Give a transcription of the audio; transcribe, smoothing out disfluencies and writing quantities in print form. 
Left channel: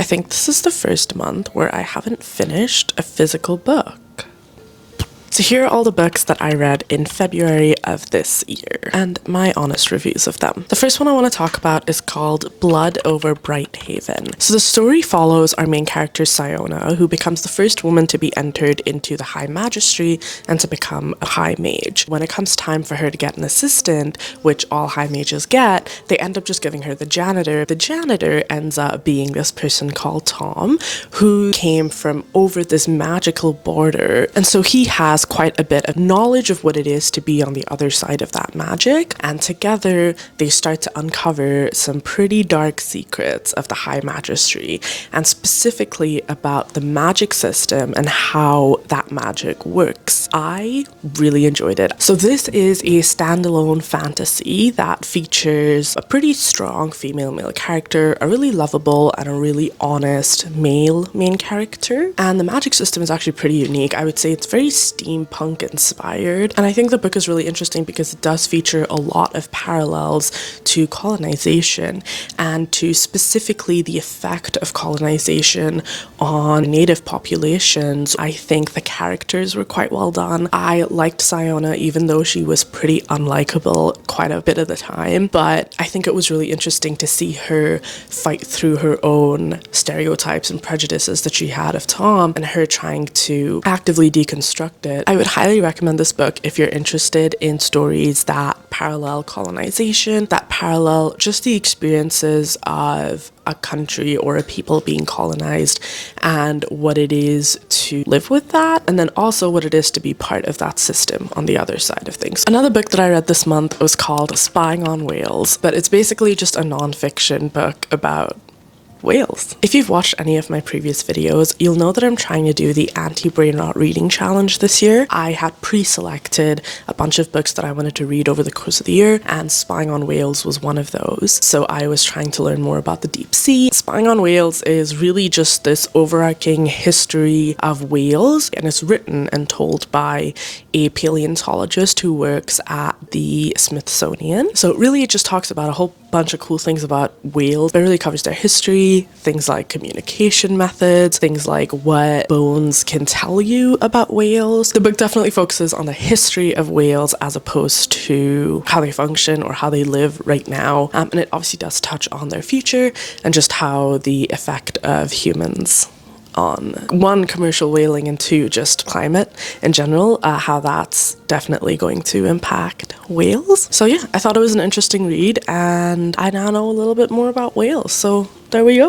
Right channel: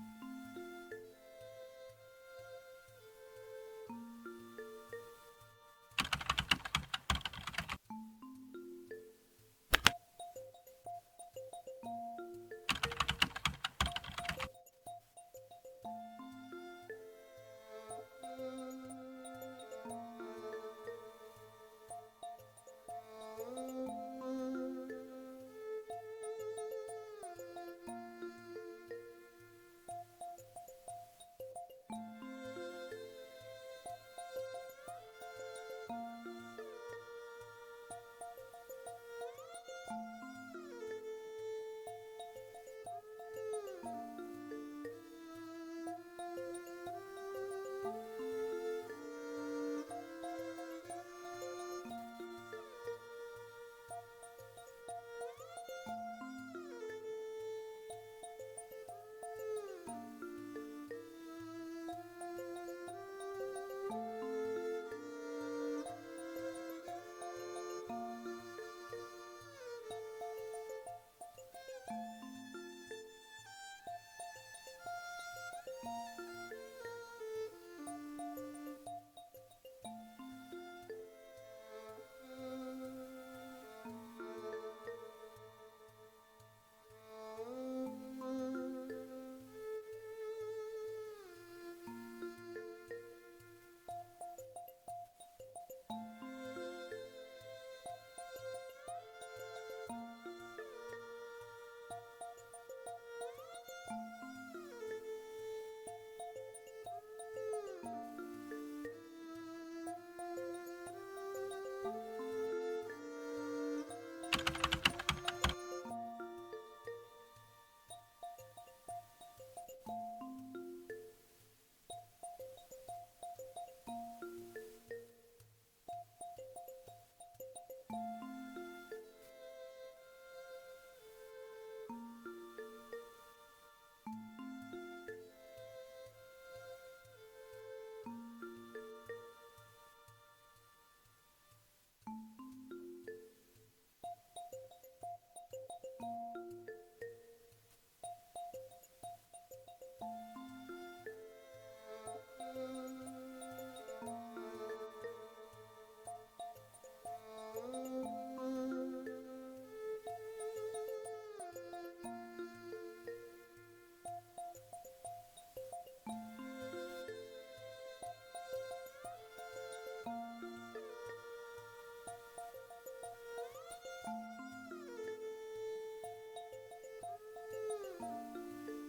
I think this is the first month where I haven't finished a physical book. So here are all the books that I read in February of this year, and my honest reviews of them. The first one I want to talk about is called Blood over Brighthaven. So the story follows our main character Siona, who becomes the first woman to be entered into the High Magistry and to become a High Mage. When it comes time for her to get an assistant, which all High Mages get, they end up just giving her the janitor. The janitor ends up being this person called Tom, who came from over this magical border, and so he has quite a bit of knowledge of what it is to be on the other side of that magic, and together they start to uncover some pretty dark secrets of the High Magistry, and specifically about the magic system and how that magic works. I really enjoyed it. So this is a standalone fantasy that features a pretty strong female-male character, a really lovable and a really honest male main character, and the magic system is actually pretty unique. I would say it's very steampunk inspired, and I think the book is really interesting because it does feature a lot of parallels to colonization and to specifically the effect of colonization on native populations. I think the characters were quite well done. I liked Siona even though she was pretty unlikable quite a bit of the time, but I think it was really interesting to see her fight through her own stereotypes and prejudices that she had of Tom and her trying to actively deconstruct it. I would highly recommend this book if you're interested in stories that parallel colonization, that parallel just the experiences of a country or a people being colonized and what it is to live with that, and then also what it is to be part of that system on the other side of things. Another book that I read this month was called Spying on Whales, but it's basically just a non-fiction book about whales. If you've watched any of my previous videos, you'll know that I'm trying to do the anti-brain rot reading challenge this year. I had pre-selected a bunch of books that I wanted to read over the course of the year, and Spying on Whales was one of those. So I was trying to learn more about the deep sea. Spying on Whales is really just this overarching history of whales, and it's written and told by a paleontologist who works at the Smithsonian. So really it just talks about a whole bunch of cool things about whales. It really covers their history, things like communication methods, things like what bones can tell you about whales. The book definitely focuses on the history of whales as opposed to how they function or how they live right now. And it obviously does touch on their future and just how the effect of humans on one, commercial whaling, and two, just climate in general, how that's definitely going to impact whales. So yeah, I thought it was an interesting read, and I now know a little bit more about whales, so there we go.